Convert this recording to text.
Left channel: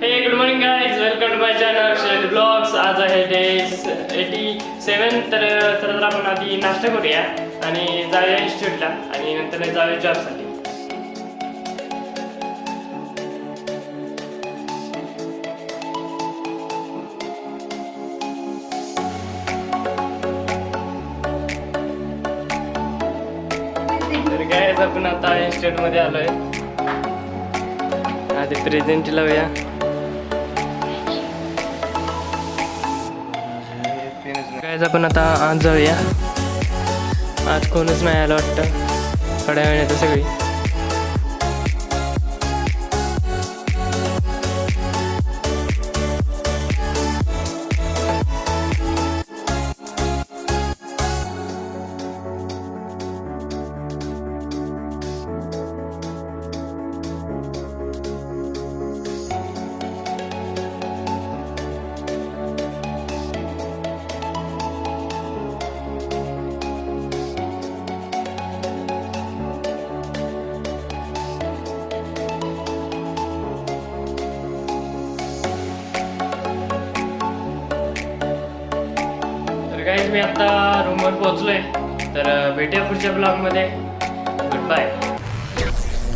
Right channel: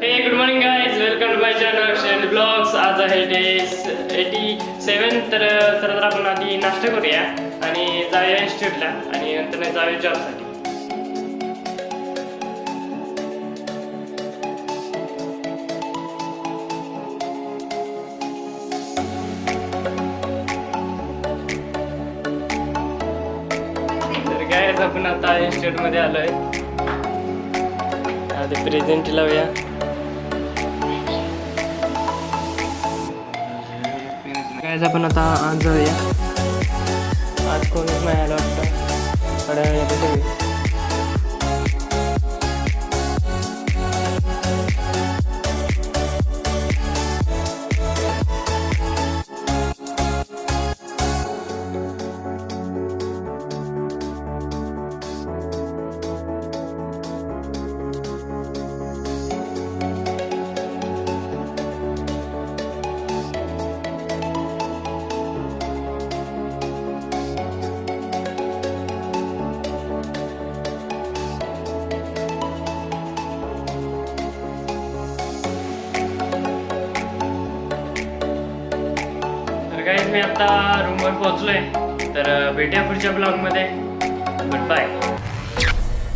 हे good morning guys, welcome to my channel share blogs. आज आहे डे 87. तर आपण आधी नाश्ता करूया आणि जाऊया इन्स्टिट्यूटला आणि नंतर जाऊया जॉबसाठी. तर गाइज आपण आता इन्स्टिट्यूटमध्ये आलोय. आधी प्रेझेंट लावूया. गाइज आपण आता आज जाऊया. आज कोणच नाही आलं वाटतं. थोड्या वेळात सगळी गाइज मी आता रूमवर पोहोचलोय. तर भेटूया पुढच्या ब्लॉगमध्ये. Good bye.